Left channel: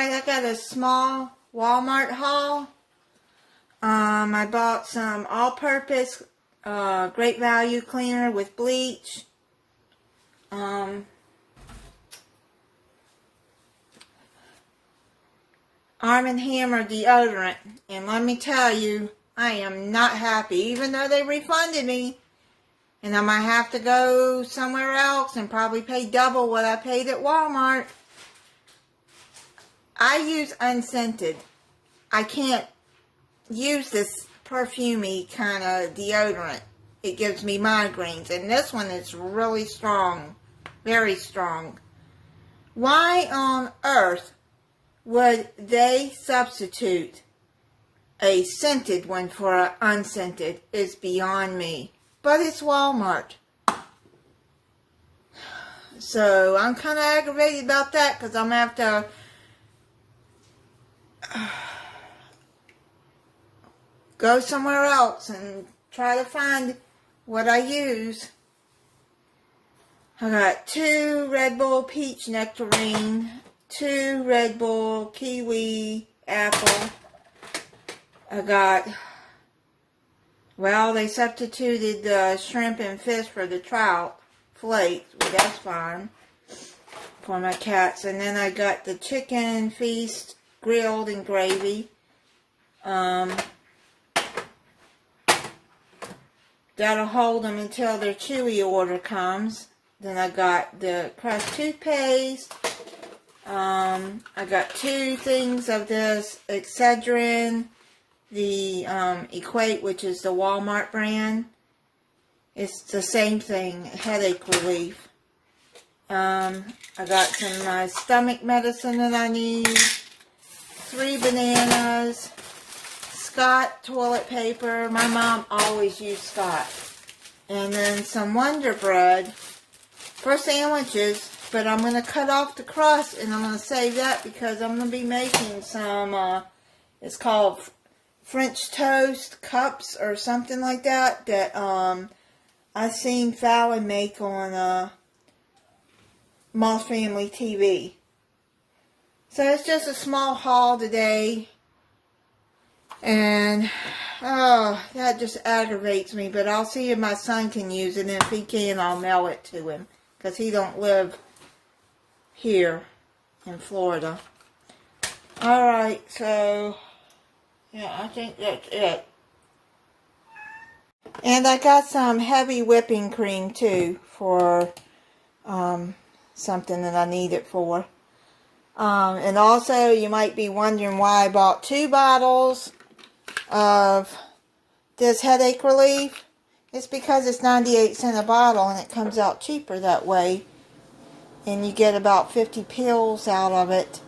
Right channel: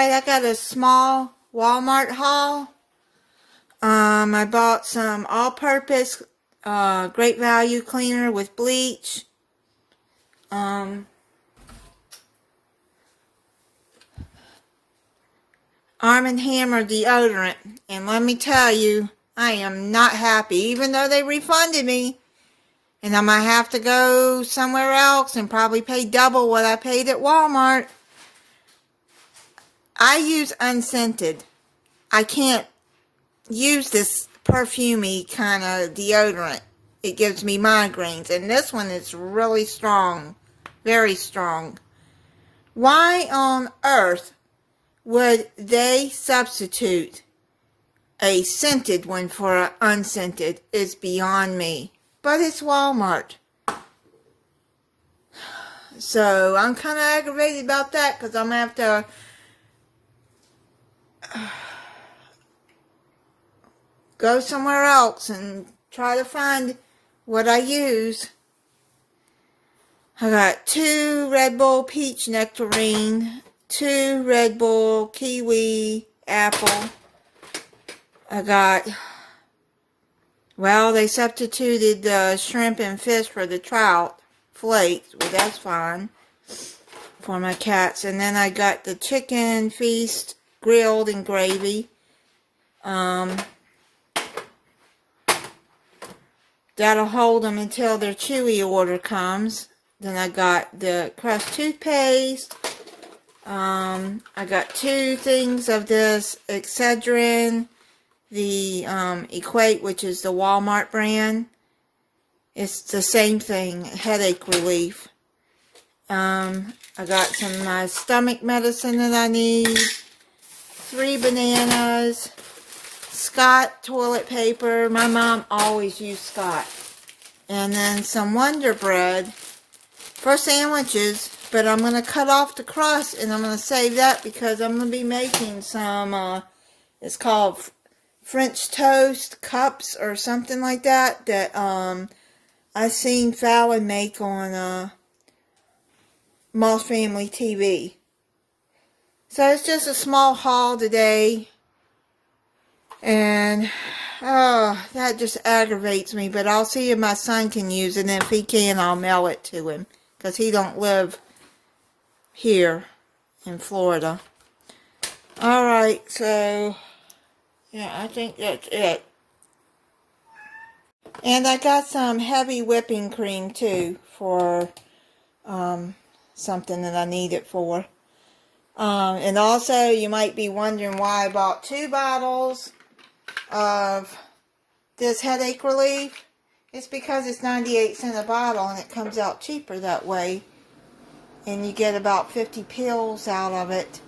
Alright, I got a small Walmart haul. I bought some all-purpose great value cleaner with bleach. Arm & Hammer deodorant. And let me tell you, I am not happy. Even though they refunded me. And I might have to go somewhere else and probably pay double what I paid at Walmart. I use unscented. I can't use this perfumey kind of deodorant. It gives me migraines. And this one is really strong. Very strong. Why on earth would they substitute a scented one for an unscented? Is beyond me. But it's Walmart. So I'm kind of aggravated about that because I'm going to have to go somewhere else and try to find what I use. I got 2 Red Bull Peach Nectarine, 2 Red Bull Kiwi Apple. I got, well, they substituted the shrimp and fish for the trout flakes. Well, that's fine for my cats. And then I got the chicken feast grilled in gravy. That'll hold them until their Chewy order comes. Then I got the crushed toothpaste. I got 2 things of this Excedrin, the Equate, which is the Walmart brand. It's the same thing, headache relief. I got some of my stomach medicine that I need. 3 bananas. Scott toilet paper. My mom always used Scott. And then some Wonder Bread for sandwiches. But I'm going to cut off the crust and I'm going to save that because I'm going to be making some, it's called French toast cups or something like that. That I seen Fallon make on Moss Family TV. So it's just a small haul today. And, oh, that just aggravates me. But I'll see if my son can use it. And if he can, I'll mail it to him. Because he don't live here in Florida. Alright, so, yeah, I think that's it. And I got some heavy whipping cream, too, for something that I need it for. And also, you might be wondering why I bought 2 bottles of this headache relief. It's because it's 98 cents a bottle and it comes out cheaper that way. And you get about 50 pills out of it.